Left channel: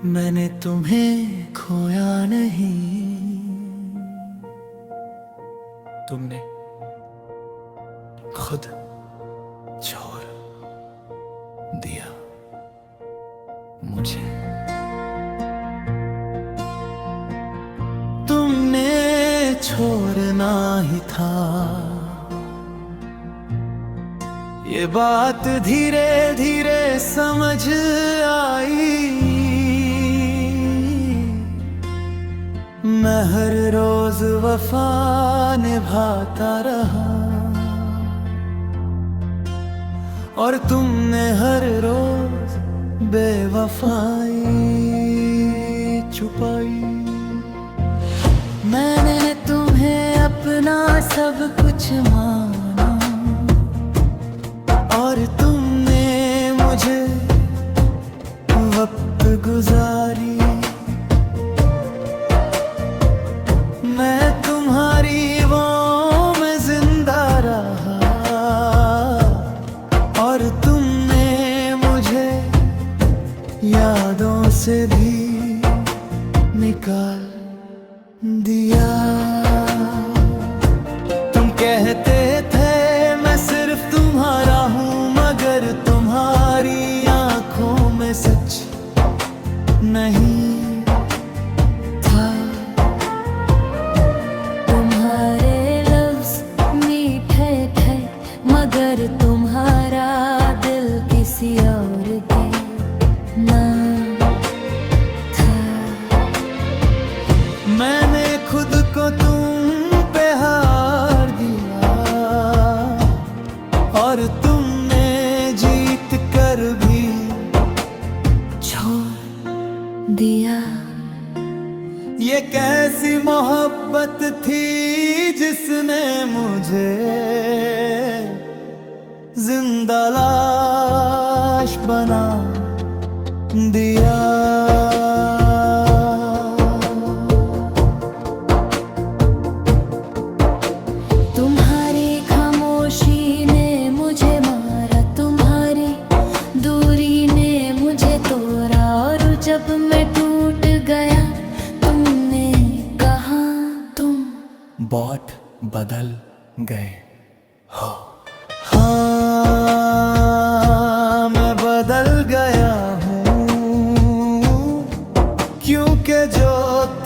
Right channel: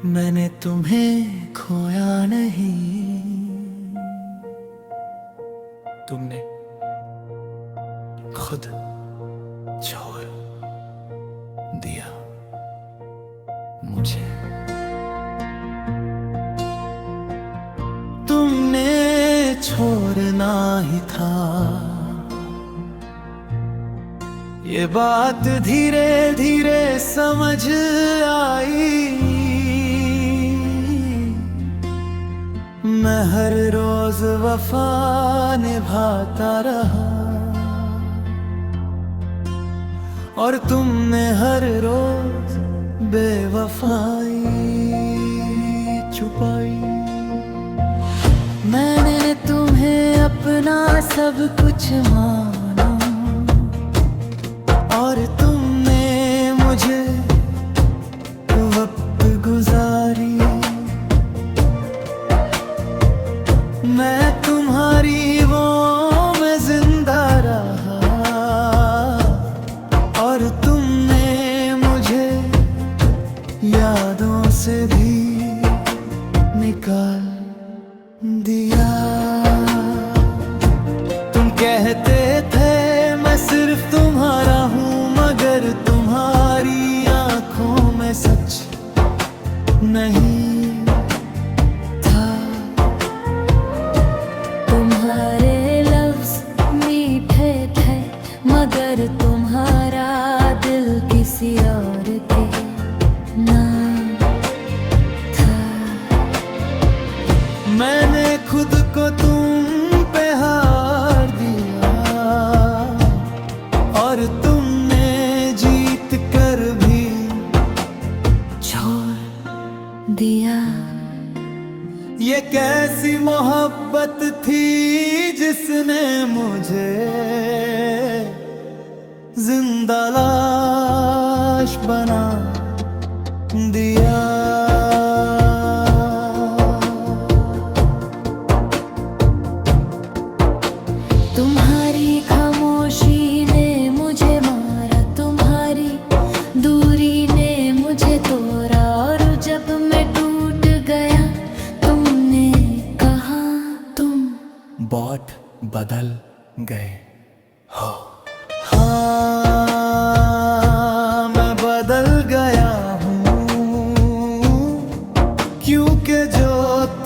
मैंने तुम्हें खोया नहीं, तुमने खुद छोड़ दिया मुझे। तुमने छोड़ना ही था, ये बात धीरे धीरे समझ आई। मैं हर रोज वफा निभाता रहा और तुमने हर रोज बेवफाई छुपाई। मैंने तुम्हें अपना सब कुछ माना और तुमने मुझे वक्त गुजारी। मैं तुम्हारी वो में जिंदा रहा और तुमने मुझे यादों से भी निकाल दिया। तुम कहते थे मैं सिर्फ तुम्हारा हूँ, मगर तुम्हारी आंखों में सच नहीं था। तुम्हारे लफ्ज मीठे थे, मगर तुम्हारा दिल किसी और के नाम था। मैंने खुद को तुम पे हार दिया और तुमने जीत कर भी छोड़ दिया। ये कैसी मोहब्बत थी जिसने मुझे जिंदा लाश बना दिया। तुम्हारी खामोशी ने मुझे मारा, तुम्हारी दूरी ने मुझे तोड़ा और जब मैं टूट गया तुमने कहा तुम बहुत बदल गए हो। हाँ, मैं बदल गया हूँ, क्योंकि जो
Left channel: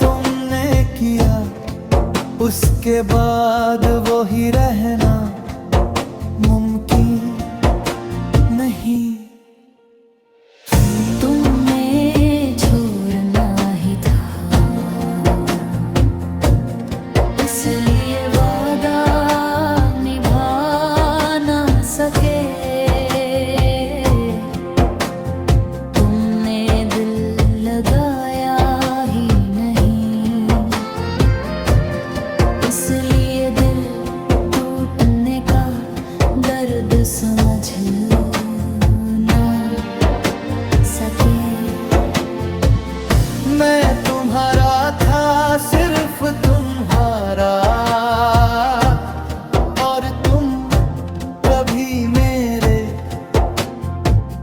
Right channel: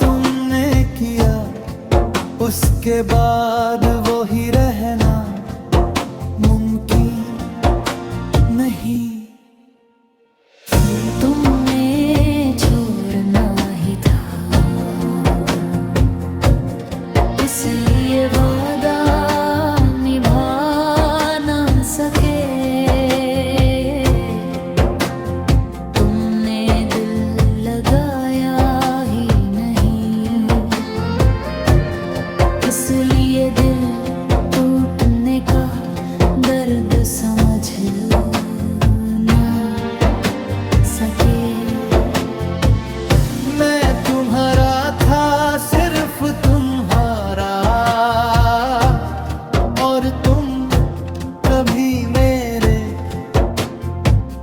तुमने किया उसके बाद वो ही रहना मुमकिन नहीं। तुमने छोड़ना ही था, इसलिए वादा निभा ना सके। तुमने दिल लगाया ही नहीं, इसलिए दिल टूटने का दर्द समझ ना सके। मैं तुम्हारा था, सिर्फ तुम्हारा, और तुम कभी मेरे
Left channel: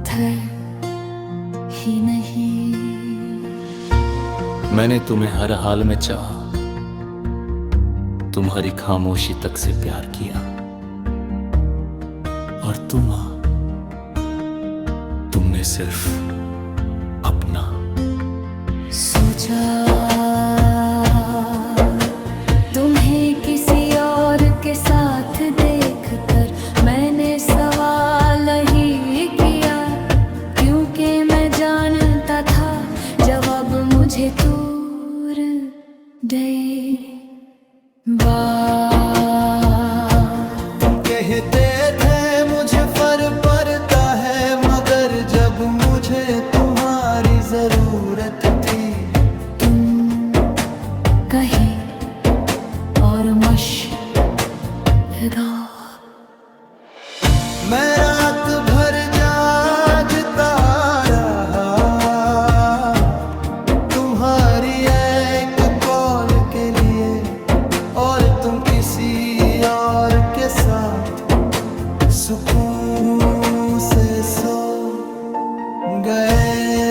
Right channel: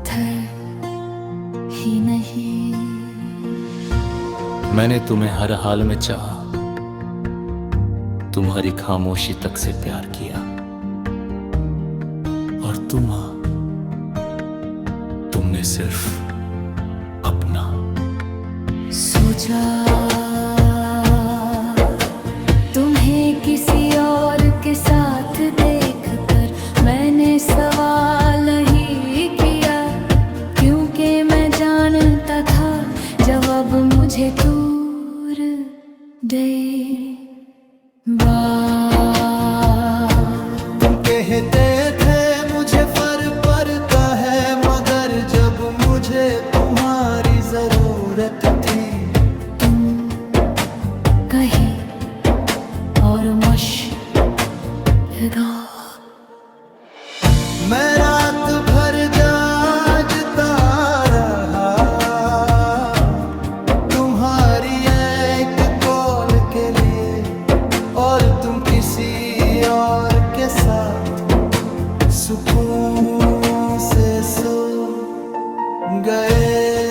थे ही नहीं। मैंने तुम्हें हर हाल में चाहा, तुम्हारी खामोशी तक से प्यार किया और तुमने सिर्फ अपना सोचा। तुम्हें किसी और के साथ देखकर मैंने सवाल ही किया, क्योंकि मैं जानता था जवाब मुझे दूर दे। तुम कहते थे मुझे फर्क पड़ता है, मगर जब मुझे तुम्हारी जरूरत थी तुम कहीं और मशहूर। मैं रात भर जागता रहा तुम्हारी एक कॉल के लिए, और तुम किसी और के साथ सुकून से सो गए।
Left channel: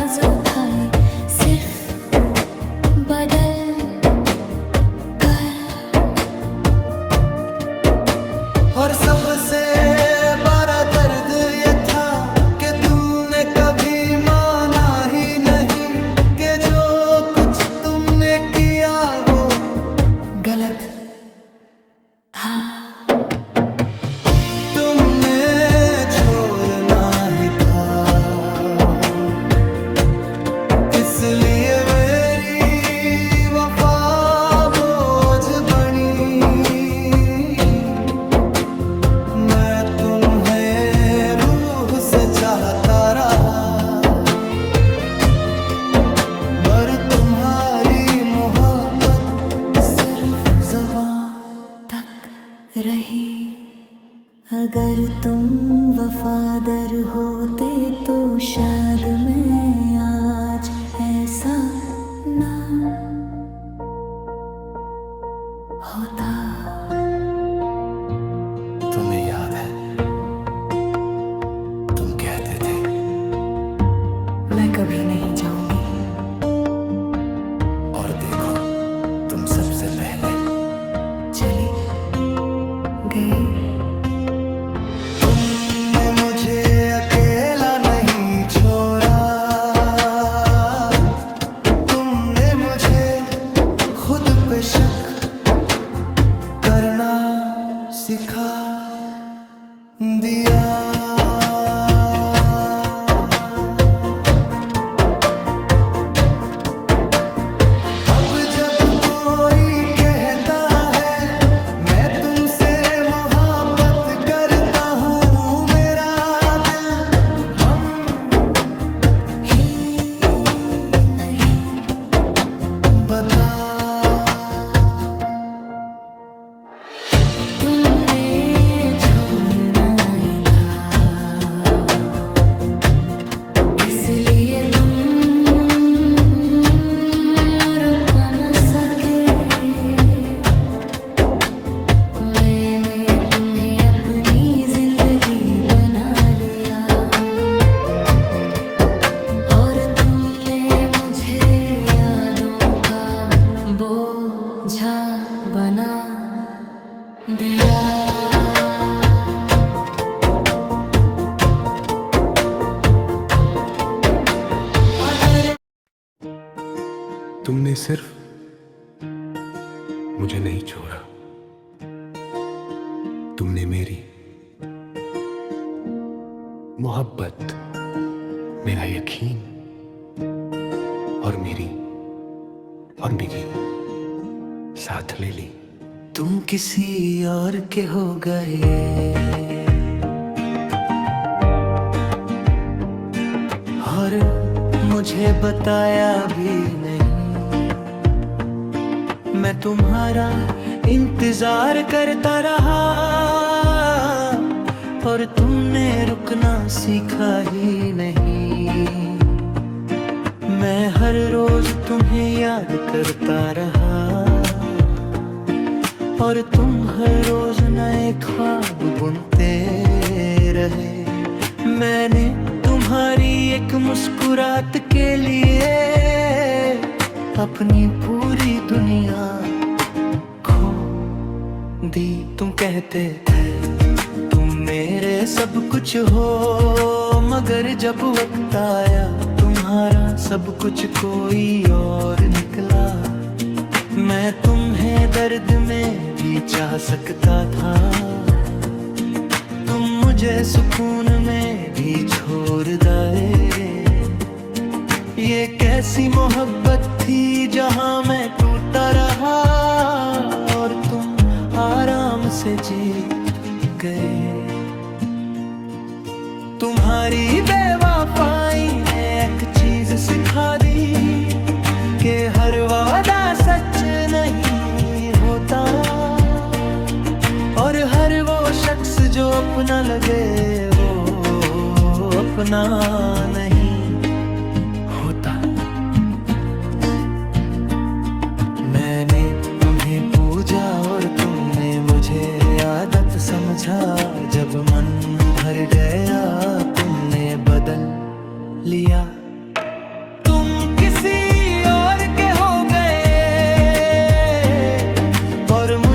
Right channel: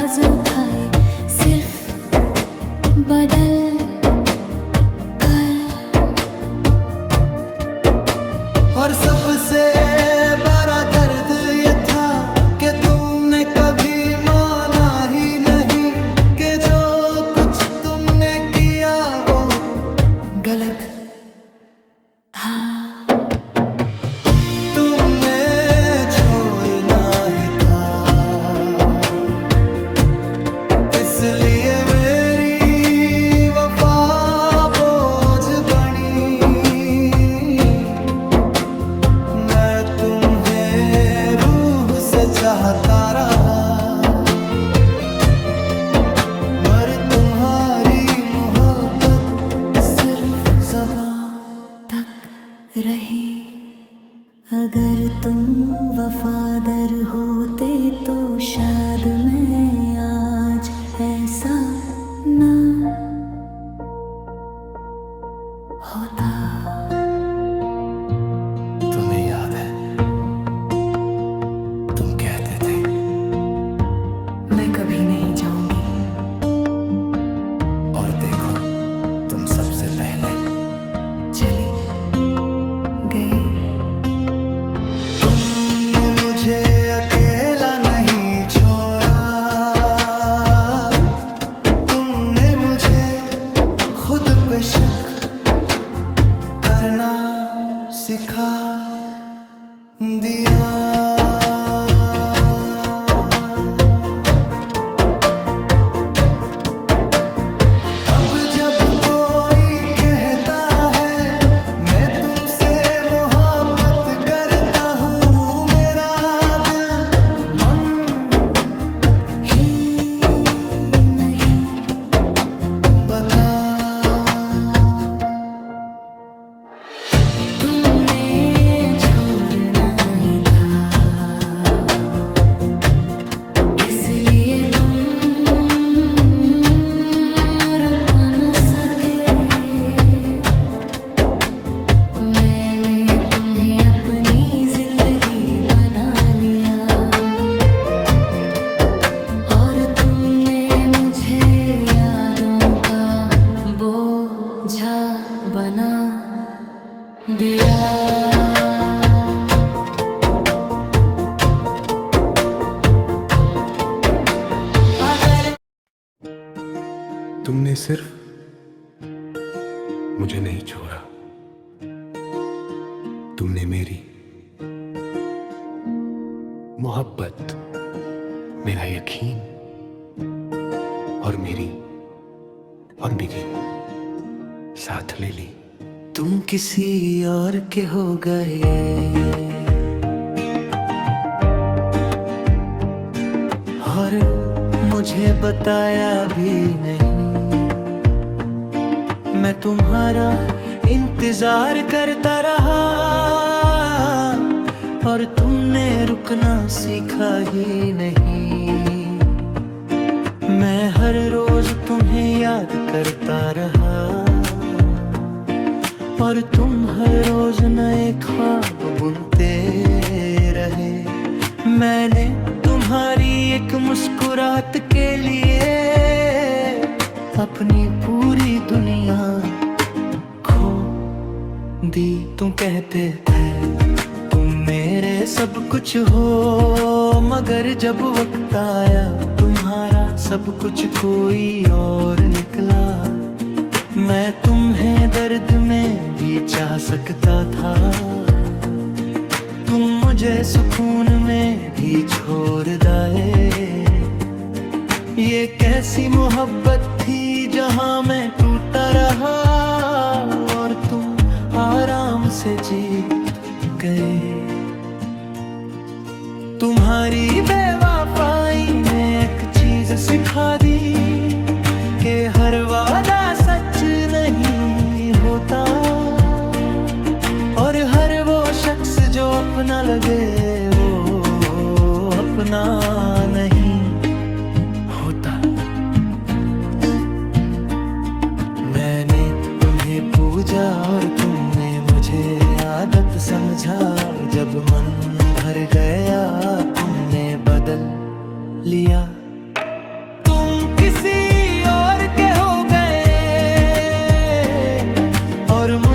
आवाज उठाए, सिर्फ बदल कर। और सबसे बड़ा दर्द ये था कि तुमने कभी माना ही नहीं कि जो कुछ तुमने किया वो गलत था। तुमने छोड़ना ही था, इसलिए मेरी वफा बोझ बनी। मैं तुम्हें रूह से चाहता रहा, मगर तुम्हारी मोहब्बत सिर्फ ज़बान तक रही। अगर तुम वफादार होते तो शायद मैं आज ऐसा ना होता। तुम्हें याद है, तुम कहते थे मैं कभी नहीं जाऊंगी, और देखो तुम सबसे पहले चली गई। तुमने मुझे अकेला नहीं छोड़ा, तुमने मुझे खुद पे शक करना सिखा दिया। अब जब कोई कहता है मैं तुमसे मोहब्बत करता हूँ, मेरा दिल मन ही नहीं बता। तुमने छोड़ना ही था, इसलिए तुम रुक न सके। मैंने तुम्हें अपनी जिंदगी बना लिया, और तुमने मुझे यादों का बोझा बना दिया। अगर तुमने सिर्फ मुझे नहीं छोड़ा, तुमने मेरी मोहब्बत, मेरा यकीन और मेरी और बिकी साथ ले ली। तुम किसी और के हो गए, और मुझे बताया भी नहीं। मैं तुम्हारा इंतजार करता रहा, और तुमने रुकना सीखा ही नहीं। मैं हर रोज तुम्हें याद करता रहा, और तुम हर रोज नए ख्वाब बुनते रहे। मैंने तुम्हारी एक मुस्कुराहट के लिए अपनी पूरी दुनिया खो दी। तुम कहते थे तुम मेरे सब कुछ हो, मगर जब वक्त आया तुम्हारा सब कुछ कोई और निकला। मैं तुम्हें दर्द में भी चाह सकता था, तुम मुझे सुकून में भी छोड़ दे। ये कैसी मोहब्बत थी जहां मैं टूटा रहा, और तुम आराम से जीत गए। तुम्हारी बेवफाई ने एक चीज सिखा दी कि हर वादा सच नहीं होता, और हर वो शख्स जो अपना लगे वो अपना नहीं होता। मैंने तुम्हें पूजा और तुमने मुझे आदत समझा। जब मन भर गया तुमने बदल लिया।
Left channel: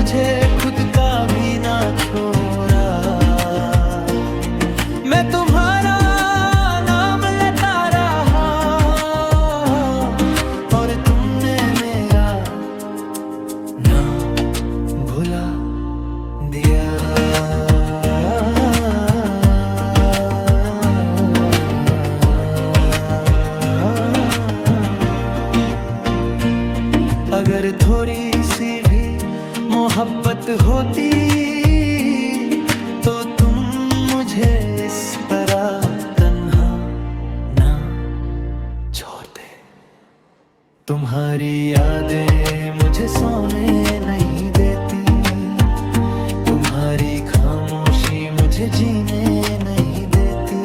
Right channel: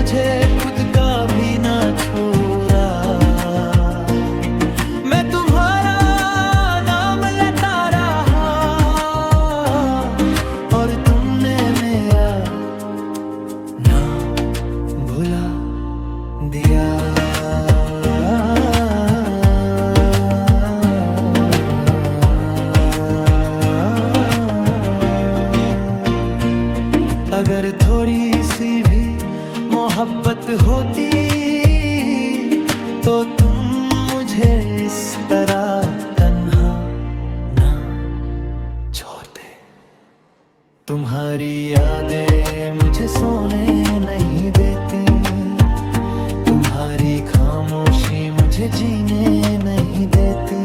मुझे खुद का भी ना छोड़ा। मैं तुम्हारा नाम लेता रहा और तुमने मेरा नाम भुला दिया। अगर थोड़ी सी भी मोहब्बत होती तो तुम मुझे इस तरह तन्हा ना छोड़ते। तुम्हारी यादें मुझे सोने नहीं देती, तुम्हारी खामोशी मुझे जीने नहीं देती।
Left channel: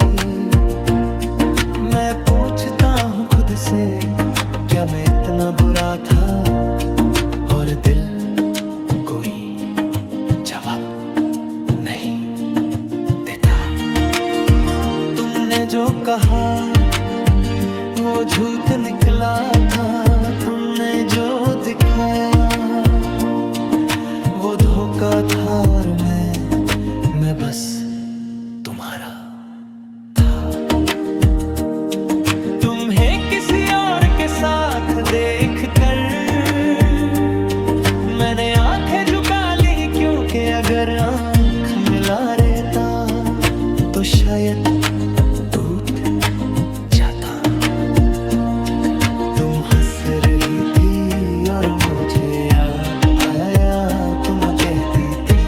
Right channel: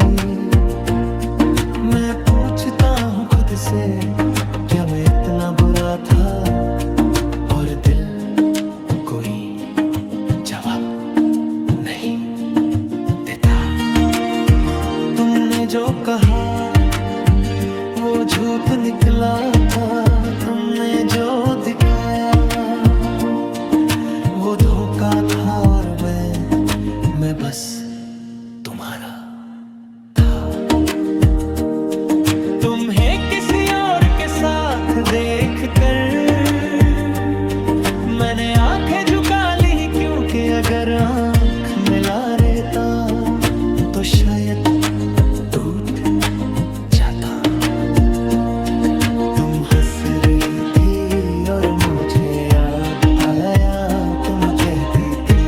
मैं पूछता हूँ खुद से, क्या मैं इतना बुरा था? और दिल कोई जवाब नहीं देता। तुमने जो कहा वो झूठ निकला था, तुमने जो दिखाया वो धोखा था। और मैं बस तुम्हारा था। तुम्हें किसी और के साथ देखकर मैंने आंखें झुका ली, क्योंकि अगर आंख मिला रहता तो शायद टूट जाता। तुम हंस रही थी और मुझे याद आया, तुम कहती थी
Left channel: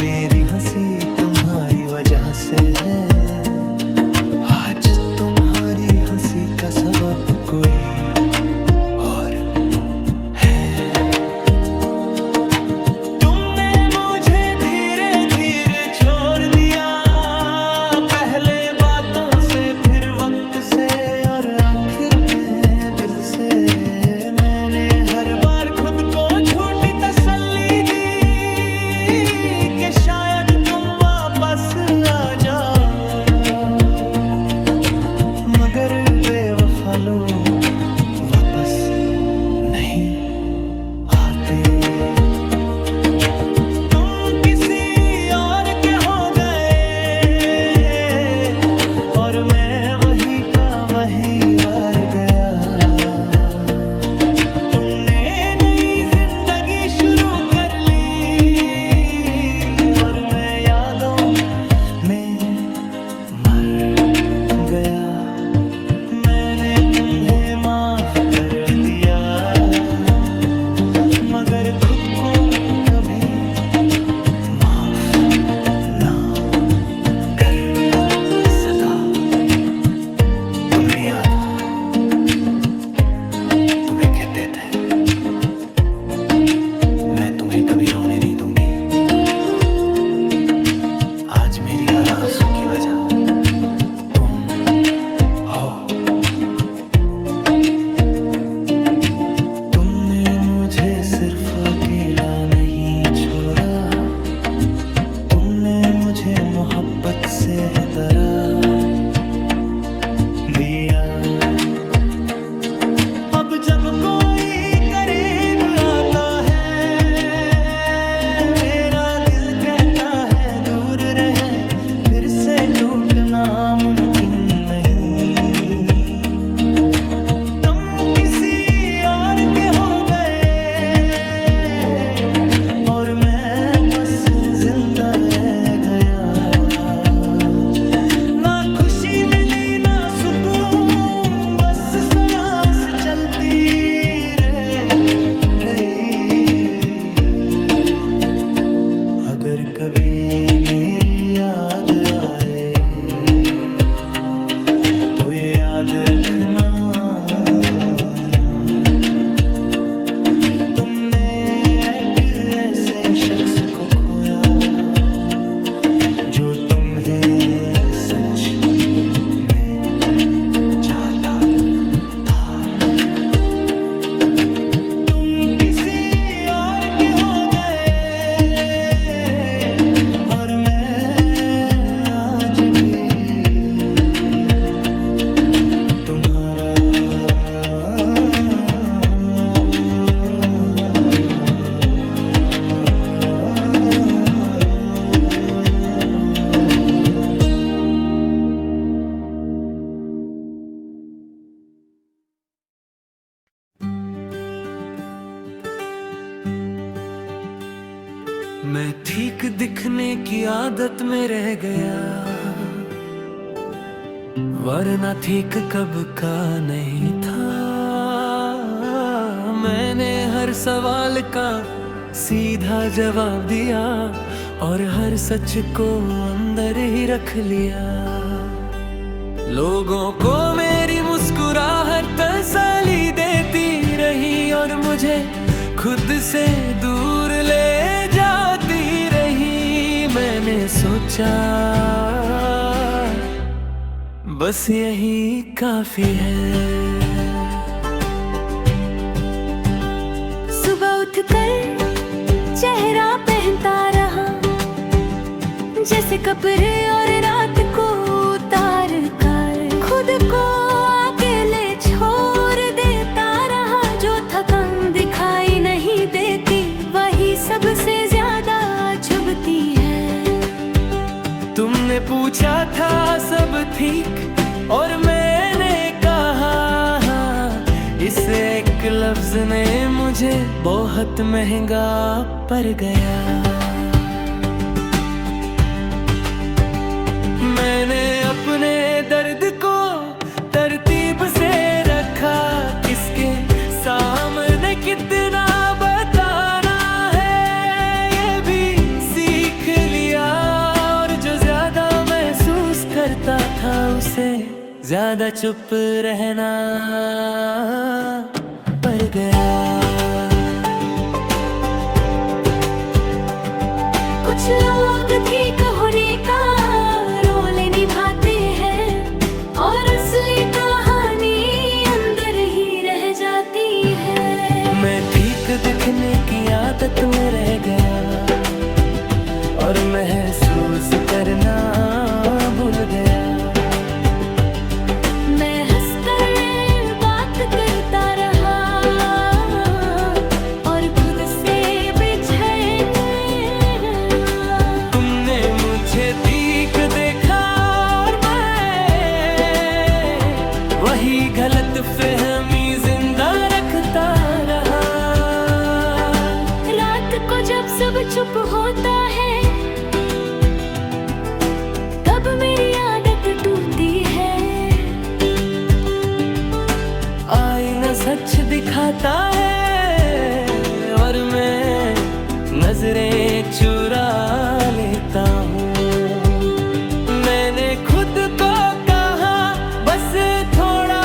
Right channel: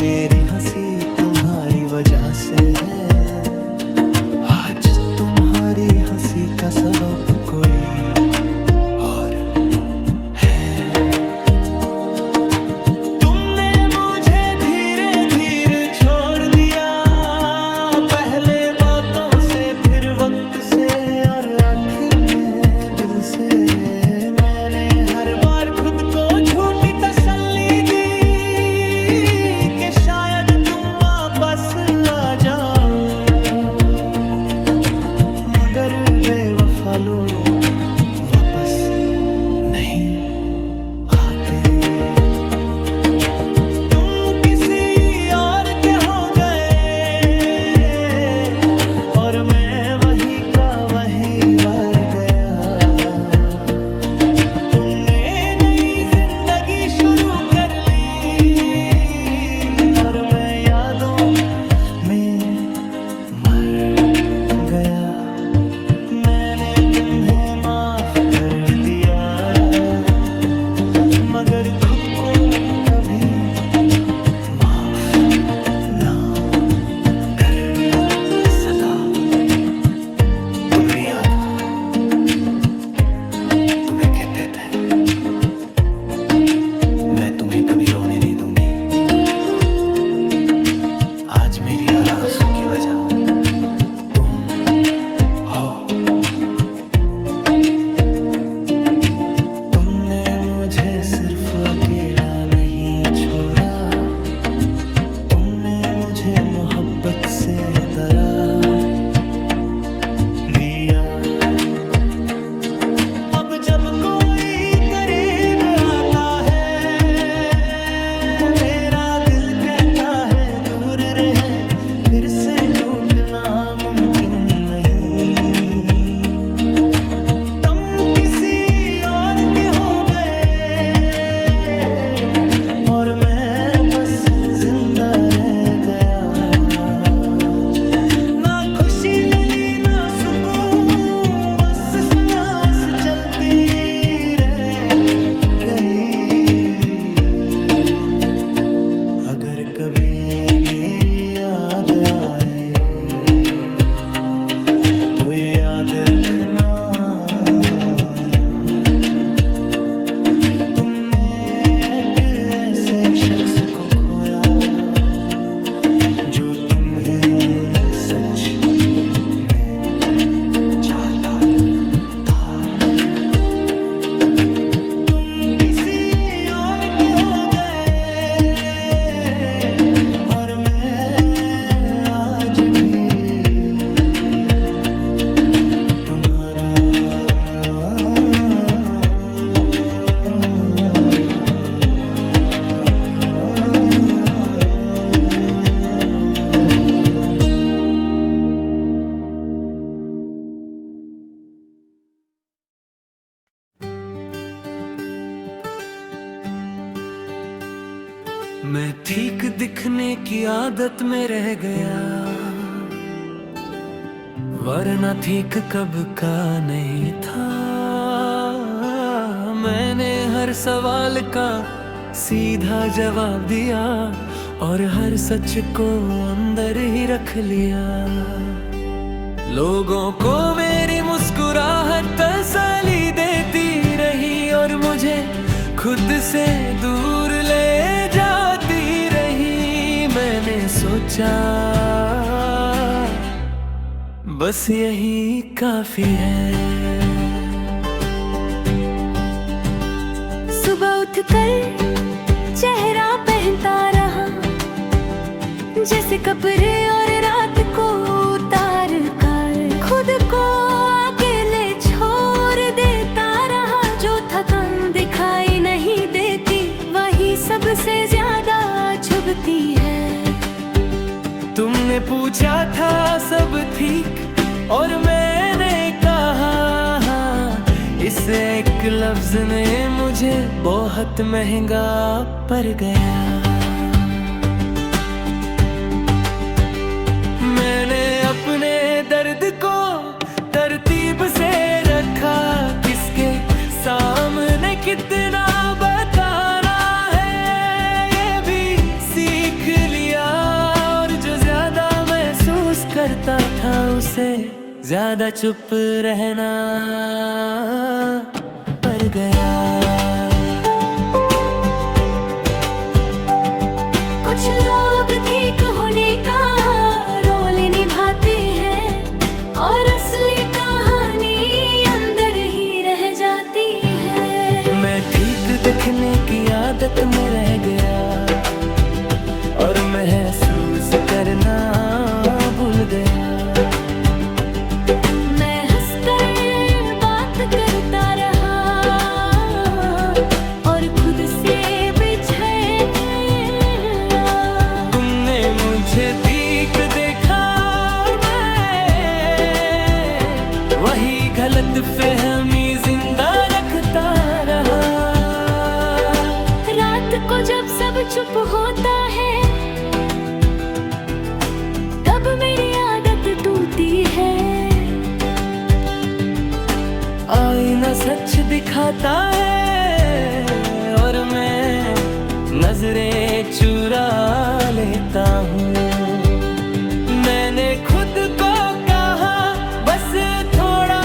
मेरी हंसी तुम्हारी वजह से है। आज तुम्हारी हंसी का सबब कोई और है। तुमने मुझे धीरे धीरे छोड़ दिया, पहले बातों से फिर वक्त से और आखिर में दिल से। मैंने हर बार खुद को झूठी तसल्ली दी कि शायद तुम वापस आ जाओ, मगर बेवफा लोग वापस नहीं आते। तुम किसी और के हो गए और मैं वहीं का वहीं वार गया। तुमने नई जिंदगी शुरू कर ली और मैं यादों में मर गया। मैंने तुम्हें माफ कर दिया, मगर खुद को कभी माफ ना कर सका। तुम मेरी याद तुम्हें कहते थे, मैं तुम्हें कभी रोने नहीं दूंगी। आज मेरी हर आंसू की वजह तुम हो। तुमने मुझे सिर्फ अकेला नहीं छोड़ा, तुमने मुझे मोहब्बत से डरा दिया। अब जब कोई करीब आता है, मेरा दिल कहता है दूर रहे, फिर से टूटना मुमकिन नहीं। और मैं बस जिंदा रह गया। ना खुशी मिली ना सुकून, बस सांस चलती रह गई। अगर कभी मेरी याद आए तो याद रखना, ऐसे शख्स को खोया जो तुम्हें सच में चाहता था। तुम किसी और के हो गए और मैं आज भी तुम्हारा मैं ठीक दिखने की आदत में रह गया, वरना ठीक कब का नहीं था। मैंने हर सवाल का सीधा जवाब दिया और हर सच को अंदर ही रख लिया। लोगों को मेरी मुस्कुराहट तसल्ली देती रही और मुझे खुद से दूर ले जाती रही। मैंने सोचा बस यही काफी है। सुबह उठकर चेहरा पहनता रहा, जैसे कपड़े और रात को उतार कर खुद को अकेले छोड़ देता रहा। जो थकान दिखाई नहीं देती वही सबसे ज्यादा चुभती है। तुमने पूछा था सब ठीक और मैंने कहा हाँ। इस एक लफ्ज ने मुझे बहुत महंगा पड़ गया। मैंने अपने दर्द को तरतीब से रखा, किसके सामने कितना बताना है ये भी सीख लिया। और जो ज्यादा महसूस करता था उसे ज्यादा चुप रहना पड़ गया। कुछ लोग ठीक होने का रोल निभाते हैं और असली कहानी अंदर ही रह जाती है। मैं ठीक दिखने की आदत में रह गया और महसूस करना भूल गया। मैं हंसकर बात करता रहा और खुद से बिछड़ गया। तुमने मुझे ठीक देखा और मैं वही गलत फहमी जिंदा रखता रहा। रात को जब सब चुप होता है तब मेरी आदत टूटी है। आईना सच दिखाता है और मैं नजरें चुरा लेता हूँ। मैंने खुद को कहा बस थोड़ा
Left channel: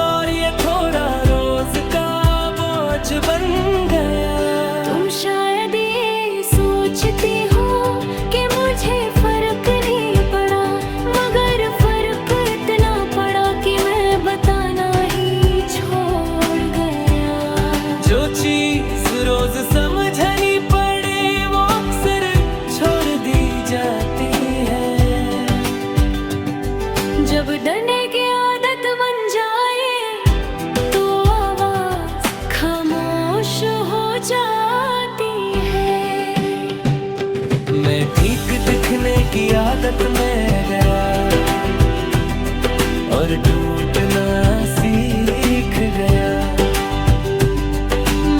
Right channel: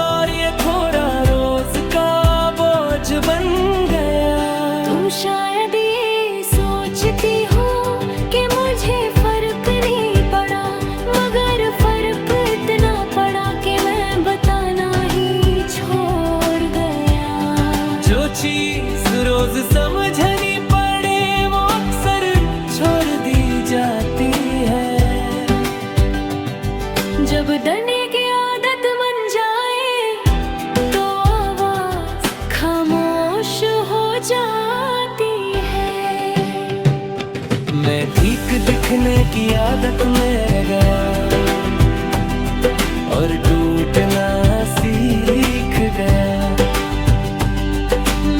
और ये थोड़ा रोज का बोझ बन गया। तुम शायद ये सोचती हो कि मुझे फर्क नहीं पड़ा, मगर फर्क इतना पड़ा कि मैं बताना ही छोड़ गया। जो चीज रोज समझनी पड़े वो अक्सर छोड़ दी जाती है। जब डरने की आदत बन जाए तो आवाज खामोश हो जाती है। मैं ठीक दिखने की आदत में रह गया और टूटना सीख गया।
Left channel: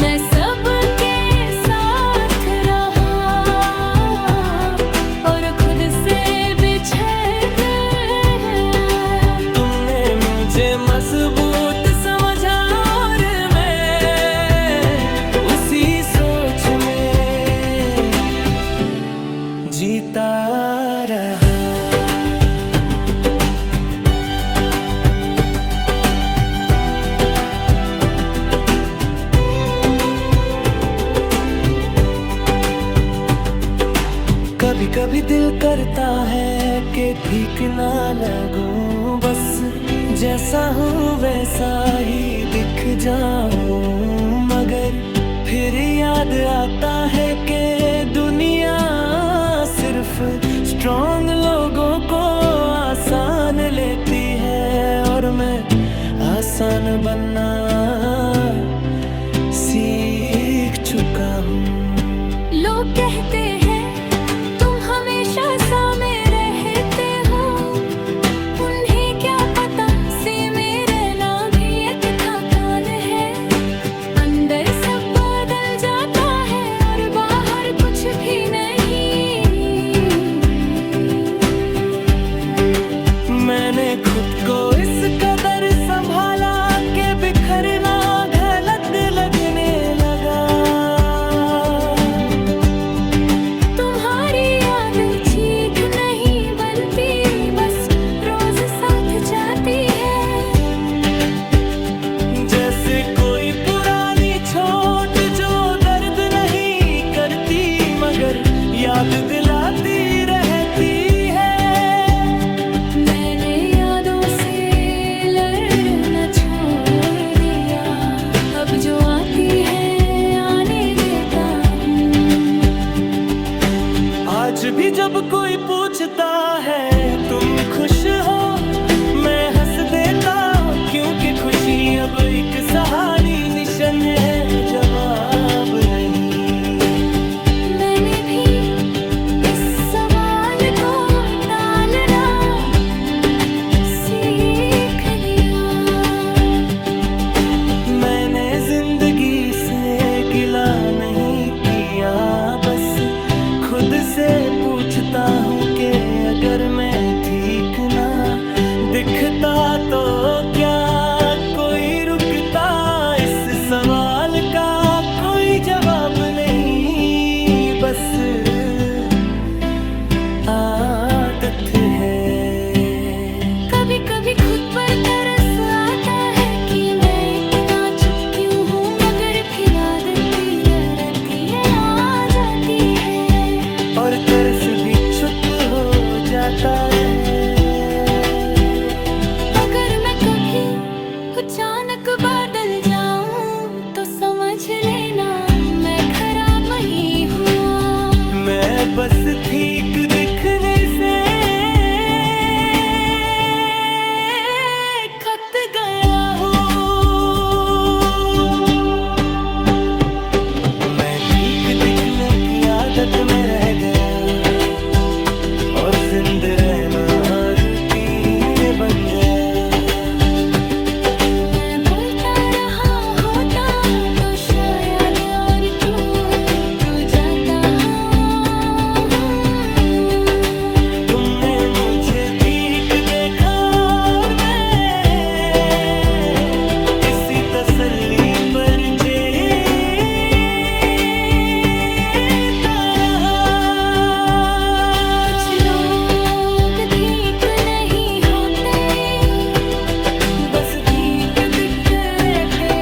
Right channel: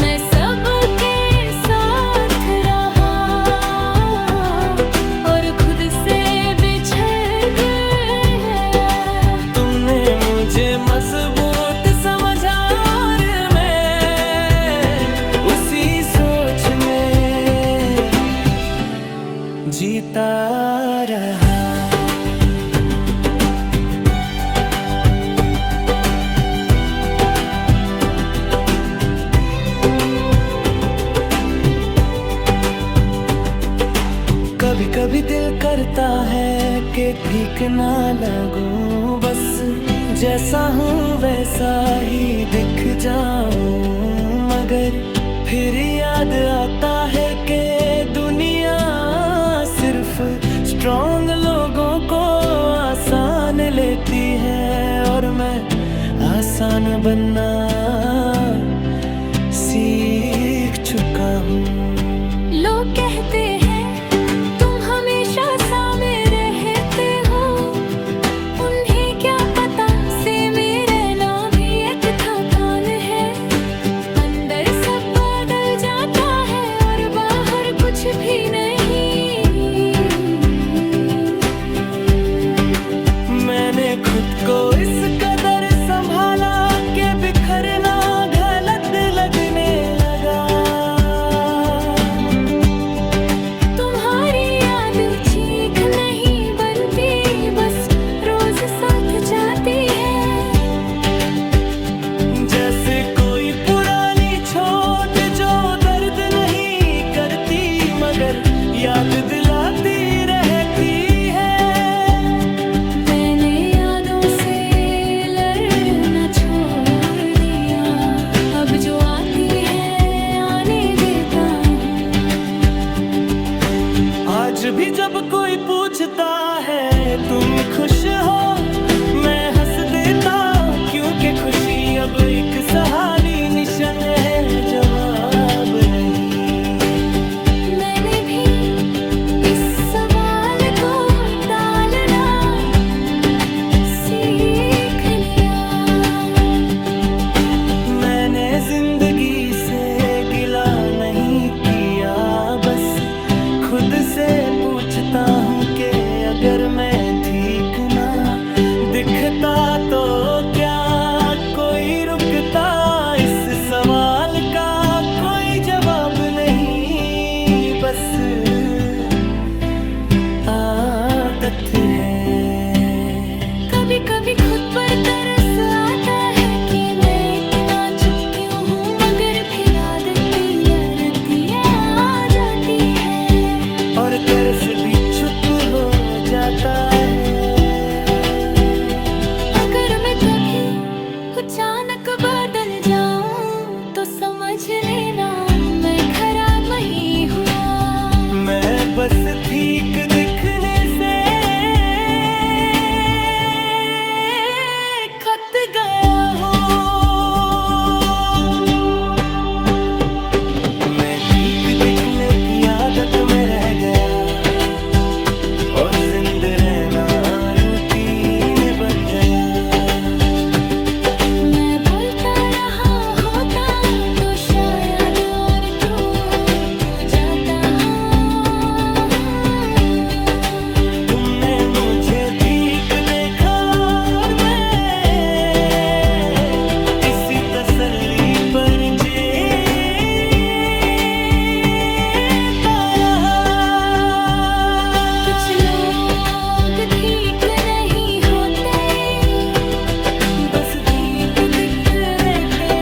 मैं सबके साथ रहा और खुद से बिछड़ गया। तुमने मुझे मजबूत समझा और मैं उसी सोच में जीता रहा। कभी कभी दिल करता है कि ठीक ना लगूं, बस जैसा हूँ वैसा ही दिख जाऊं। मगर फिर याद आता है कि दुनिया सिर्फ स्ट्रॉन्ग लोगों को आसान लेती है और मैं आसान बनना सीख चुका हूँ। लोग कहते हैं तुम हमेशा सामे रहते हो, उन्हें क्या पता से मेरे ना भी एक थकान है। अंदर सब बदल जाता है और बाहर कुछ भी कदर संभाला के बिखरना गलत लगने लगा। तुम्हारी याद चीख नहीं बनती, बस रोज साथ जाती है। जैसे कोई पुरानी चोट जो दर्द नहीं करती मगर याद दिलाती रहती है। मैंने यादों से लड़ना छोड़ दिया, अब जो आती है आने देता हूँ। आज भी जब कोई पूछता है तुम खुश हो, मैं हंस देता हूँ क्योंकि खुशी अब एक सहाली निशन है, जवाब नहीं। मैंने भी इस सवाल को टालना सीख लिया। मैंने जिंदगी से गिला नहीं किया, बस खुद से पूछता हूँ कि अगर मैं ठीक ना दिखता तो क्या कोई रुकता। इस सवाल का कोई जवाब नहीं, बस आदत है। कभी कभी खुद पर तरस आता है कि मैं इतना चुप क्यों हूँ, मगर फिर आदत लड़ती आ जाती है। और तरस भी चुप हो जाता है। अगर मैं कभी अचानक बदल जाऊं तो समझ लेना मैं खराब नहीं हुआ। मैं बस ठीक दिखने से खत गया हूँ। मैं ठीक दिखने की आदत में रह गया और जिंदा रहना रूटीन बन गया। मैं बोलता रहा होता तो शायद और टूट जाता। तुमने मुझे ठीक देखा और मैं इसी तसल्ली पर जीता रहा। कुछ लोग ठीक नहीं होते, बस भीग दिखते रहते।